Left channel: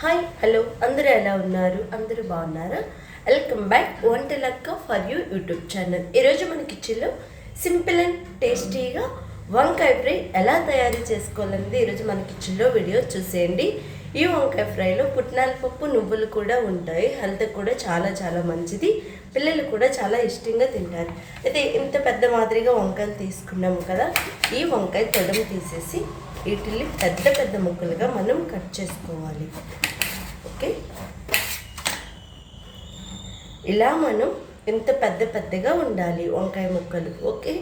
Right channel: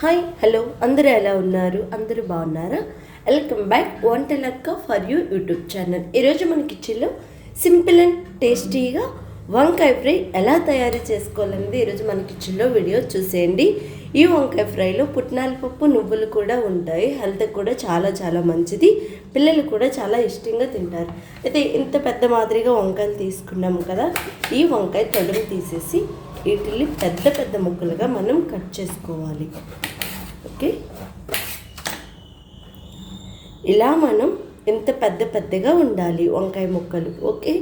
Hi hello అందరూ ఎలా ఉన్నారు? అందరూ బాగున్నారా? Welcome back Vantalakka for you YouTube channel. ఈరోజు మన కిచెన్లో సింపుల్ అండ్ టేస్టీగా వంకాయ ఫ్రై ఎలా తయారు చేసుకోవాలనేది ఈరోజు మన కిచెన్లో వీడియో చూసేయండి. ఈ వంకాయ ఫ్రైలో పుట్నాల పప్పు నువ్వులు కూడా ఉంటాయి. హెల్త్కి కూడా చాలా చాలా మంచిది. పిల్లలు కూడా చాలా ఇష్టంగా తింటారు. అయితే ఇంత పెద్ద మాదిరిగా వంకాయలు తీసుకున్నాము కదా, ఈ వంకాయ తొడలు తీసేసి వీటిని పెద్ద పెద్ద ముక్కలుగా మనం కట్ చేసుకోవాలి. ఓకే, ఇలా మనం ఇంత పెద్ద పెద్దగా ఉండాలి వంకాయ ముక్కలు. ఓకే,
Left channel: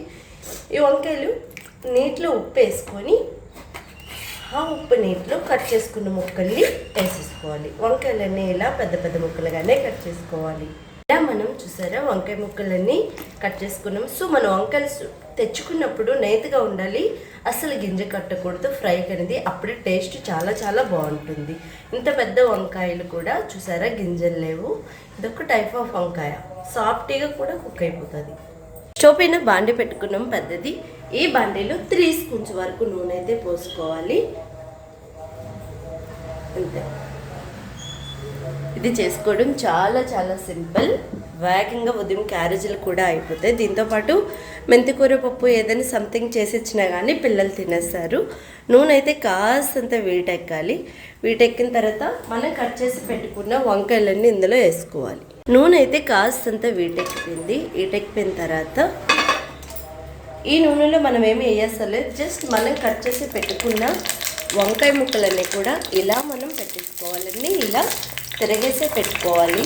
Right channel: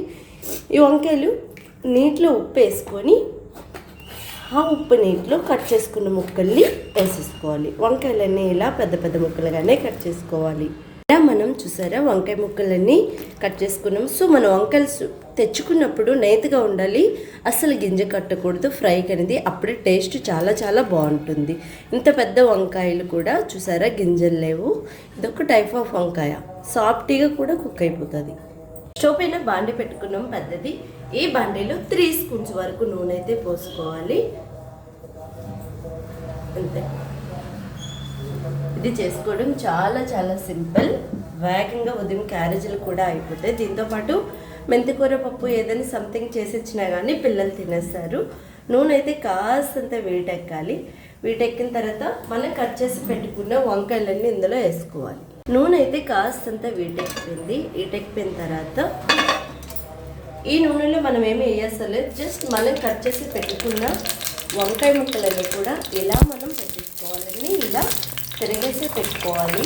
ఈ వంకాయలు నీటిలో ఉప్పు వేసుకొని ఆ ఉప్పు నీటిలో కట్ చేసుకున్న ముక్కల్ని వేసేసుకోవాలి. వంకాయలన్నీ ఇలా పెద్ద పెద్ద ముక్కలుగానే కట్ చేసుకోవాలి. ఇలా మనం చూసారా వంకాయ ముక్కలన్నీ కట్ చేసుకున్నాం. సో మనం వంకాయలు తెచ్చుకున్నప్పుడు నేతిగా ఉండాలి, అసలు గింజ కట్టకూడదు ఫ్రైకి అనేది. అప్పుడే టేస్ట్ చాలా చాలా బాగుంటుంది. ఇంత పెద్ద వంకాయలు కూడా చూసారా గింజలు లేవు. ఇదొక టైప్ ఆఫ్ వంకాయ, సాఫ్ట్గా కూడా కుక్ అయిపోతుంది. స్టవ్ పైన బాండి పెట్టుకున్నాం పెద్దది. ఈ బాండీలో 3 స్పూన్స్ వరకు నూనె అయితే పోసుకోవాలి. అంతే, ఇది చేసుకోవడం చాలా చాలా సింపుల్. వేగంగా ఉదయం క్యారేజీలు కూడా అయిపోతాయి. దీంతోపాటు మెంతికూర పప్పు ఏదైనా సంథింగ్ చేసి ఇచ్చినా కానీ పిల్లలు తినేస్తారు. నూనె అయితే కాస్తంత వీటెక్కాలి. వీటెక్కిన తర్వాత మనం కట్ చేసి పెట్టుకున్న వంకాయలన్నీ ఇందులో వేసుకోవాలి. నూనె అయితే కాస్తంత వీటెక్కింది. వీటెక్కిన తర్వాత ఈ నూనెలో మనం ఏమి వేయసలేదు, జస్ట్ మనం కట్ చేసి పెట్టుకున్న వంకాయ ముక్కలన్నీ కూడా ఇలా మనం పెట్టేసుకోవాలండి. ఇలా తిరగేసి పెట్టుకోవాలి.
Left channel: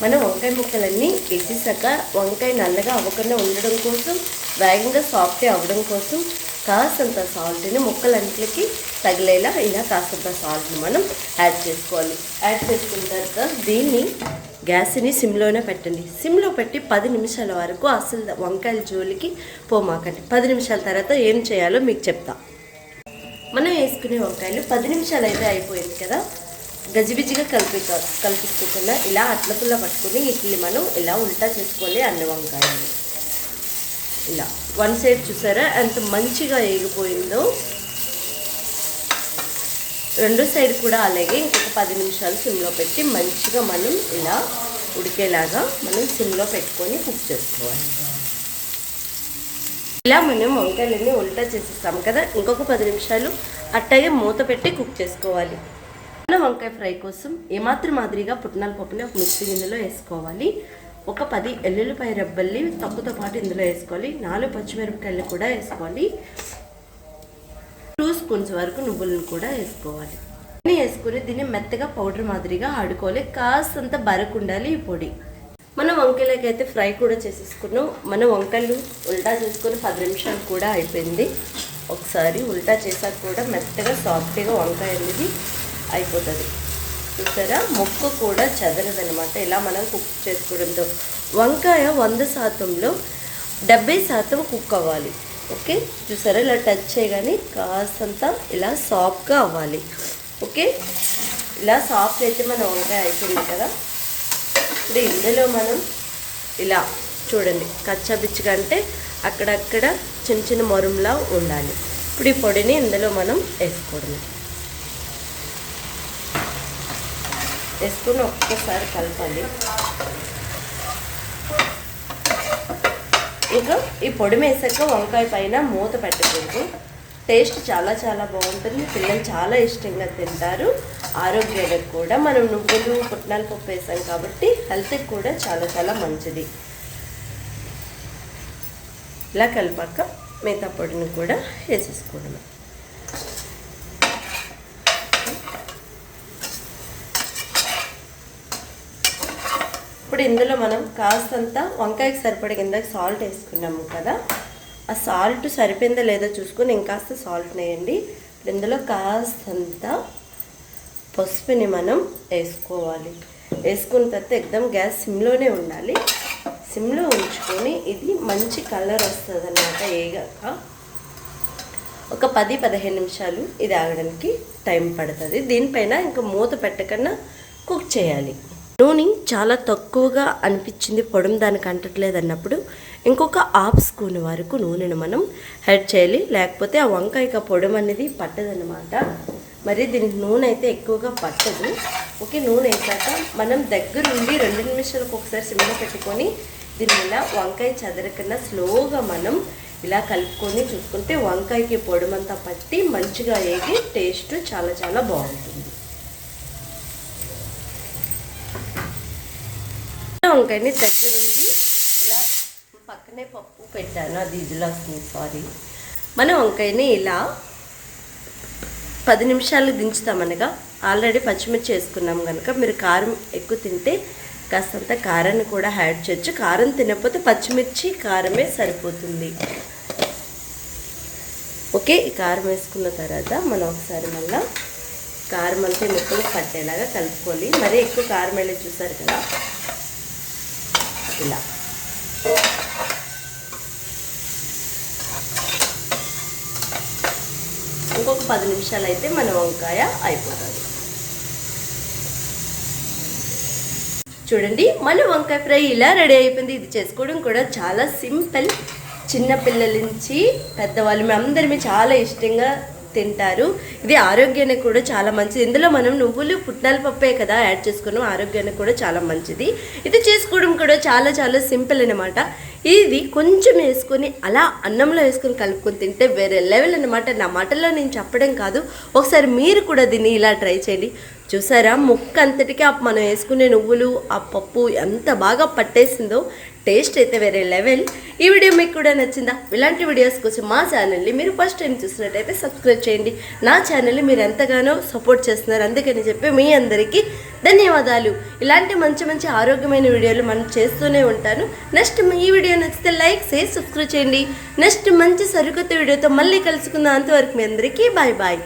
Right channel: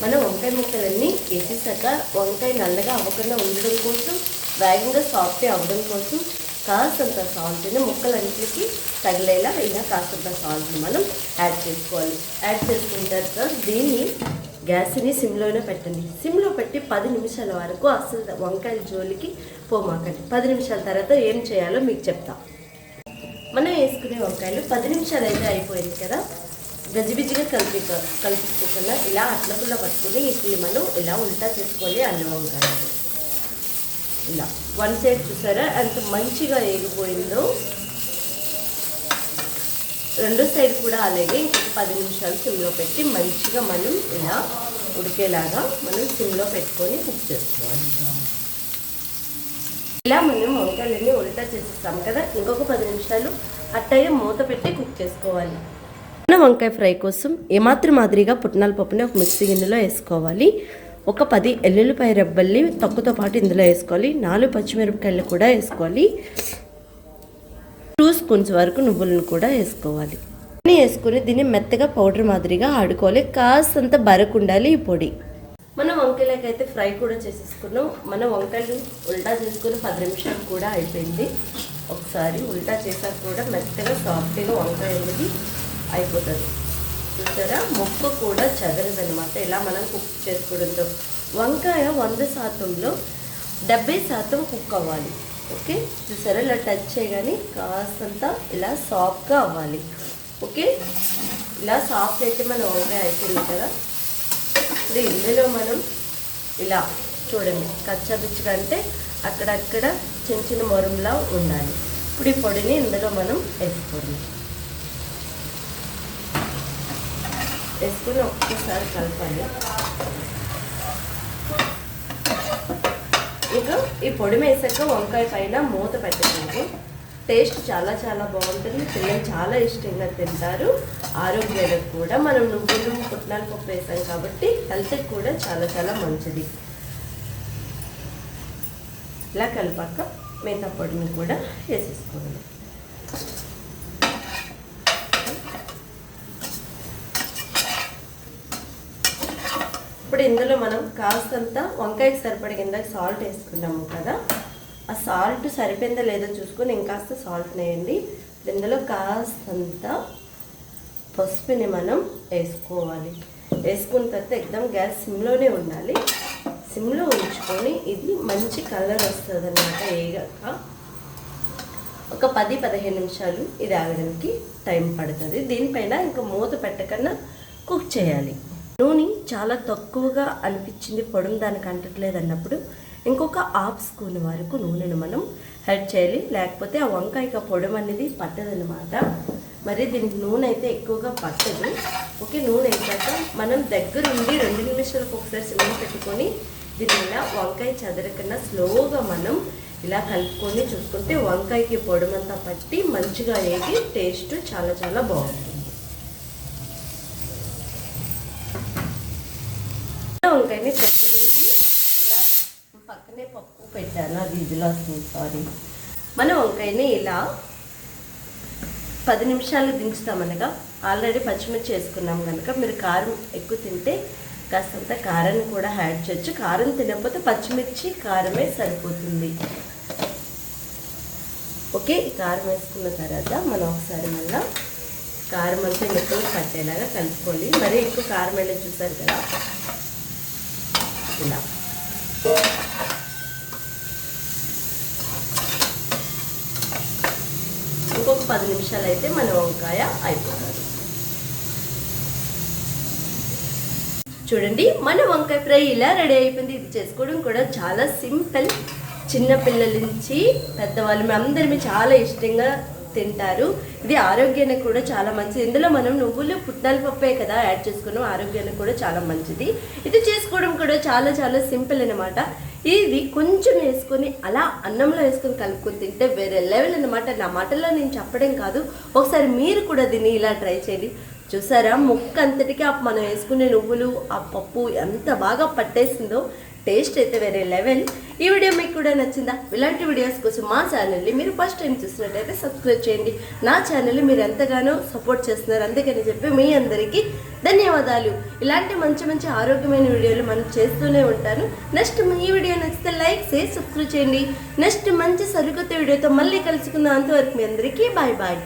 మన వంకాయ ముక్కలన్నీ వేసేసాక వంకాయ నల్లగా అవ్వకుండా ఉండడం కోసం, వేగంగా సాఫ్ట్గా అవ్వడం కోసం కాస్తంత సాల్ట్ని ముక్కలన్నిటికి తగిలేలా ఇలా కాస్తంత సాల్ట్ని మనం యాడ్ చేసుకోవాలి. యాడ్ చేసుకున్న తర్వాత దీన్ని గ్యాస్ని సిమ్లోనే పెట్టండి. సిమ్లో పెట్టి 10 నిమిషాల వరకు అసలు వంకాయల జోలికి పోమాకండి. 10 నిమిషాల తర్వాత ఏం చేయాలో మీకు చెప్తా. మనం వేసుకునే వంకాయలు 10 నిమిషాలు అయితే అయిపోయింది కదా, గజిబిజిగా కలిపిస్తున్నా ఇలా అట్లపుల్ల పట్టుకుని వీటిని మనం ఇలా ఉల్టా చేసుకోవాలి. అన్న వంకాయలు ఇలా 1 సైడ్ చూసారా ఎంత మంచిగా వేగిపోయిందో. 2 సైడ్ కూడా అలాగే ఇంకొక 10 నిమిషాలు సిమ్లో పెట్టి మంచిగా మనం ఇలా ఉడికేలాగా మనం సిమ్లో పెట్టుకొని కుక్ చేసుకోవాలి. ఇలా మనం వంకాయలన్నీ ఉల్టా చేసేస్తాం కదా, ఇంకొక 10 నిమిషాలు అట్టగే మూత పెట్టి కుక్ చేసుకోవాలి. మన వంకాయ ఫ్రై కోసం ఏమాత్రం మాదిరిగా పుట్నాల పప్పుని ఒక మిక్సీ గిన్నెలో వేసుకోవాలి. ఒక 10 ఎల్లుల్లిపాయ రెబ్బల్ని తొక్కతో పాటు ఇందులో వేసుకోవాలి. 4 పచ్చిమిరపకాయలు కూడా వేసుకోవాలి. 2 స్పూన్స్ వరకు నువ్వులను కూడా వేసుకోవాలి. అన్నీ వేసుకొని దీన్ని మెత్తగా పౌడర్ మాదిరిగా ఆడుకోవాలి. కాస్తంత బరకుండాలి ఈ పొడి. మనం వంకాయలకైతే ఫ్రై కూడా చేసేసుకున్నాం. మనం వంకాయలు ఉల్టా చేసుకొని 10 నిమిషాలు కూడా అయిపోయింది. ఒకసారి ఉల్టా చేసాక కూడా మెత్తగా సాఫ్ట్గా వంకాయ అనేది అయిపోతుంది. చూసారా ముక్క కూడా చదరదనమాట. ఇలా మనం కుక్ చేసుకోవడంతో వంకాయ 100%లో 70% కుక్ అవ్వాలి. ఓకే, చూసారా ఇలా టచ్ చేయగానే కాస్తంత ఇలా సాఫ్ట్గా అవ్వాలి. ఓకే, ఇలా సాఫ్ట్ అయితే మన వంకాయ అయిపోయింది కదా. ఇప్పుడు ఇందులో మనం ఇలా చూడండి కచ్చబిచ్చిగా అంటే అక్కడక్కడ చిన్న చిన్న మొరంలా ఉండాలి. ఇప్పుడు ఈ పొడిని ఇందులో మనం వేసుకోవడం, వేసుకుని ఒక్కసారి కలపాలి. ఇంకా ఈ పొడి వేసాక వంకాయ పైన మూత పెట్టకూడదు. టేస్ట్ చాలా చాలా బాగుంటుంది. పిల్లలు చాలా ఇష్టంగా తింటారు. ఆరోగ్యానికి కూడా మనం నువ్వులు పుట్నాల పప్పు వేసాం కాబట్టి హెల్త్కి కూడా చాలా చాలా మంచిది. ఇలా కలిపాక మిగతా పొడిని కూడా వేసేసుకోవడం. ఇప్పుడు ఇందులో మనం కాస్తంత వంకాయకి సరిపడే కిందకి సాల్ట్ వేసుకున్నాము కదా, ఆ సాల్ట్ సరిపోయిందో లేదో చూసుకొని ఇంకాస్త సాల్ట్ వేయండి. ఇందులో కాస్తంత పసుపుని మనం వేసుకోవాలి. వేసుకున్న తర్వాత ఎక్దమ్ గ్యాస్ సిమ్లోనే ఉండాలి. సిమ్లో ఉంచుకొని ఇది మంచి కలర్ వస్తుంది అన్నమాట. వేగాక ఒక 10-15 నిమిషాలు ఇది ఆగడానికి టైం పడుతుంది. దీనిపైన ఇంకా మూత పెట్టకుండా కుక్ చేయాలి. నూనె చాలా తక్కువగా అనిపించింది, పొడం దానికి అంటట్లేదు అన్నప్పుడు ఇంకొక హాఫ్ స్పూన్ వరకు నూనెను మనం యాడ్ చేయాలి, లేకపోతే ఆ వంకాయ పొడి అనేది పట్టదనమాట. మరి దీనికి నూనె అయితే ఎక్కువగా పట్టదు. ఓకే, నూనె వేసాక మనం దగ్గరుండి 2 నిమిషాలకు ఒకసారి సిమ్లో పెట్టుకొని దీన్ని ఇలా వంకాయ చదరకుండా స్లోగా మనం ఇలా కలుపుకొని చూసుకుంటే వంకాయకి పొడమంతా పట్టి మంచిగా వేగి టేస్ట్ చాలా చాలా బాగుంటుంది. వంకాయని దగ్గరుండి ఇలా పక్కనే పప్పు పెట్టాను, అది ఇదిలా వస్తుంది, సారీ. మన వంకాయని ఇలా 10 నిమిషాలు దించుతామనగా ఆల్రెడీ పచ్చిమిర్చి వేసుకున్నాం కనుక మీరు కారం ఎక్కువ తింటే కాస్తంత కారాన్ని కూడా యాడ్ చేయొచ్చు. కారం తినకపోతే పచ్చిమిర్చి కారమే సరిపోతుంది. ఓకే, ఈ కారం వేసుకున్న తర్వాత మనం ఒకసారి మళ్ళీ కారం అంతా ముక్కలు పట్టేలాగా కలుపుకోవాలి. మరీ ఎక్కువ కారం వెళ్ళి చూసారు కదా, ఇలా ఇంకొక 10 నిమిషాలు అయితే మన వంకాయ అయిపోతుంది. చూడండి, మన వంకాయ ఫ్రై ఇలా రెడీ అయిపోయింది. ఇది చేసుకోవడం కూడా చాలా సింపుల్. చిన్న పిల్లల నుంచి పెద్దవాళ్ళు అందరినీ చాలా ఇష్టంగా తింటారు. ఇది ఆరోగ్యానికి కూడా చాలా మంచిది. ఇందులో మనం నువ్వులు పుట్నాల పప్పే కదా యాడ్ చేసుకున్నాం, ఆరోగ్యానికి కూడా చాలా మంచిది. ఇది చేసుకోవడం కూడా చాలా చాలా సింపుల్ అనమాట. ఇది కొంచెం వేసుకొని అలా అన్నంలో వేసుకొని కలుపుకొని తింటే వేరే లెవెల్ అనమాట. నా మాటల్లో నేను చెప్పడం కాదు, ఒకసారి మీరు కూడా దీన్ని ఇలా ట్రై చేయండి. చూసారా, ముక్క అంతటికీ మనం వేసుకునే నువ్వులు ఆ పప్పు ఎంత బాగా పట్టేసిందో. టేస్ట్ అయితే వేరే లెవెల్. ఈ వీడియో మీకు కూడా నచ్చిందా? ఇలాంటి వీడియోస్ కోసం మా ఛానల్ని మీరు ఫస్ట్ టైం చూసినట్టయితే సబ్స్క్రైబ్ చేయండి. నా ఛానల్ని మీరు ఎంతగానో సపోర్ట్ చేస్తున్నారు, అందుకని చెప్పి మీ అందరికీ ధన్యవాదాలు. ఇలాంటి మంచి మంచి ఆరోగ్యమైన వీడియోలు మనం చేస్తూనే ఉంటాను. నెక్స్ట్ ఈ వీడియో నచ్చితే లైక్ చేసి సబ్స్క్రైబ్ చేయండి. నెక్స్ట్ మంచి సరికొత్త వీడియోతో మళ్ళీ కలుసుకుందాం. అంతవరకు మీ అందరికీ బాయ్ బాయ్.